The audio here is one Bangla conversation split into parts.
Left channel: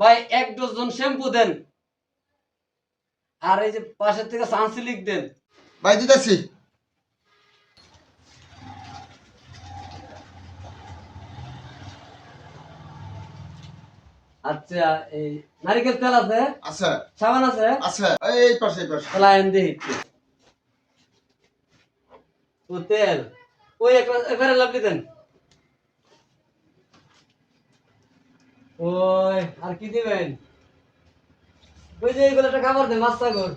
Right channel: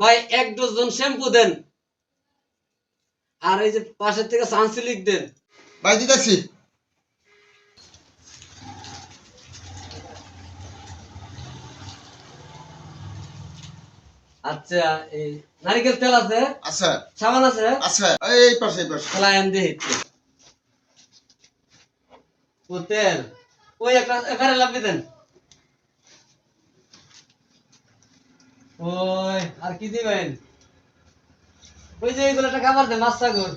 ভাই 1 ডজন শ্যাম্পু দেন, আর এই যে পাশের থেকে সানসিলিক দেন। ভাই দিতেছি। আচ্ছা, এই নারিকেল তেল আছে? আচ্ছা সাবান আছে? আচ্ছা, এই পাশে এই পাশে। তাহলে আইন দিই ও তেল, ওই একটা এবারে লাভলি দেন। ওই আর কি দিবেন? ওই যে এইগুলো একটা খাবার দেন, মাছ সাগর।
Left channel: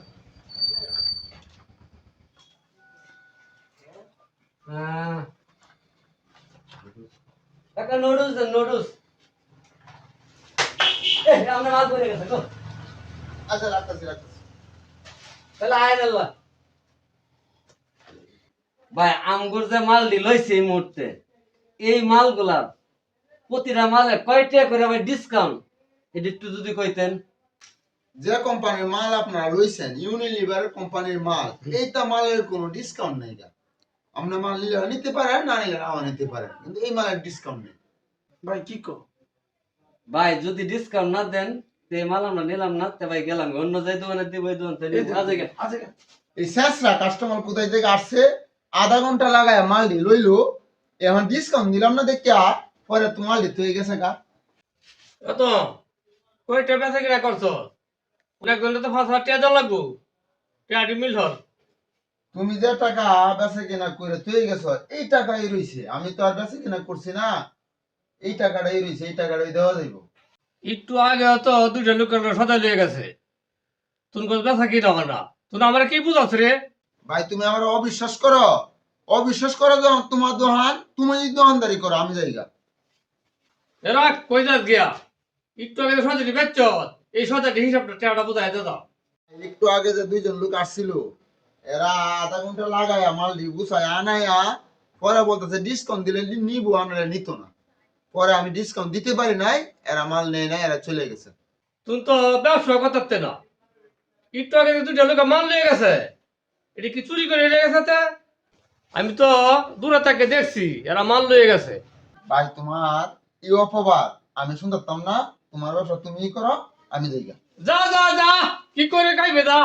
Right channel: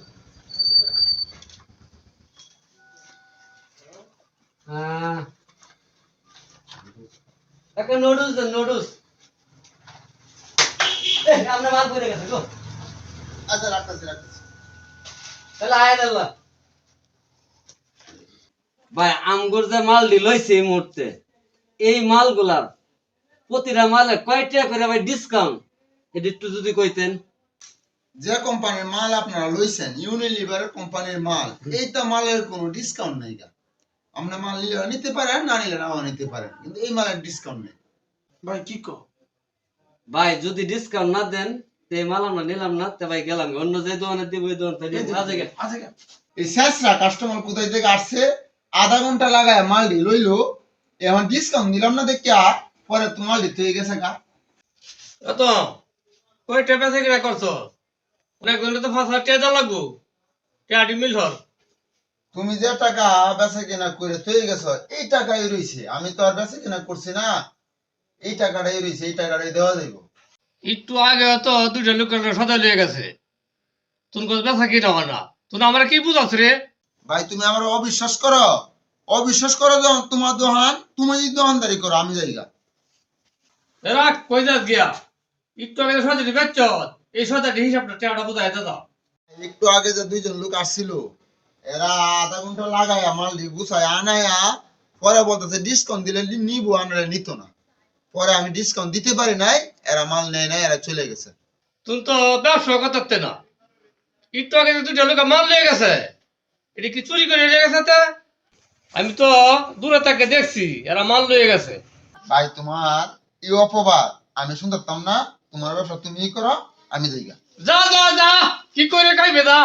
হ্যাঁ, একটা নুডলস দেন, নুডলস। এই আমরা মাল পড়ে গেছে গো। আচ্ছা রাখতেছি রাখতেছি। তাহলে আয়েন আল্লাহ। ভাই আমগুর যে মাল লইছে এই মুহূর্তে, এই মালগুলার প্রতিটা মালে কয়টা করে ভাই ডিসকাউন্ট, এটা একটু যদি কইতেন। যে কোম্পানির মাল আপনারা লইছেন, ইউনিলিভার কোম্পানির মাল, এইটা মালের কোনো ডিসকাউন্ট নাই গা। আপনি মাল নিলে নিতে পারেন, না নিলে নাও নিতে পারেন, কিন্তু এই মালের ডিসকাউন্ট নেই। ভাই কি কো? ভাই যদি ডিসকাউন্ট না দেন তে মাল আমরা নিলাম না, তে ভাই গেলাম অন্য যে দোকানে দিব ওই দোকান থেকে আজকে এই শেষরা কাস্টমার কোথায় থেকে আসছে, আধা ঘন্টা লাগায় মাল লইলো, এখন ডিসকাউন্ট দিলাম না দেখে পরে তো মাল দিতে হয়ে গেছে গা। এত কয়টা বেচা কিনা করছো? অনেক ঘন্টা তো 5,000 টাকা লাগবো, টাকা মিল হল। তুমি যে টাকা বেচা কেনা করে তৈরি গেছো, এই টাকাই রইছে, আমি তো আর বেচা কেনা করছি না, এই টাকাটাই রইছে, এই টাকাটাই দেওয়া যাইব। একটু আগে তো দুইটা লোকের সদাই লিয়ে গেছে, তুমি কোথাও বেচা কিনা হয় না, তুমি আমার কি বুঝাচ্ছ রে? ভাই তুমি আমার অবিশ্বাস করো, অবিশ্বাস করো যখন তোমার দোকান, তুমি যদি দোকানদারি করো, আমি যাইগা। এরা কই যাস গিয়া? একটু আগে সদাই বেচছ, এই সদাইটি হিসাবটা টাকাটা বুঝাই দাও। একটু আগে যে দুইজন লোক আসছিল, এরা আধা ঘন্টা লাগাইয়া মাল গুছায় আনায়া পরে বলতেছে ডিসকাউন্ট দিলে নিবো, আনারে নিত না। পরে আমি ডিসকাউন্ট দিতে পারি নাই, এরা মাল নেয় নাই, এরা চলে গেছে। তুমি তো ব্যবসা করতে না, একটু আগে যে দুইটা লোক মাল লিয়ে গেছে, এটা কি চুরি করে লিয়ে গেছে তে? আমি তো দূরে থেকে দেখছি এরা মাল লয়ে গেছে। ভাই তোমার এই অপবাদ আমি শুনতাম না, তোমার ব্যবসা তুমি করো, আমি যাইগা। যা যা যা, কি করে খাইবে যা।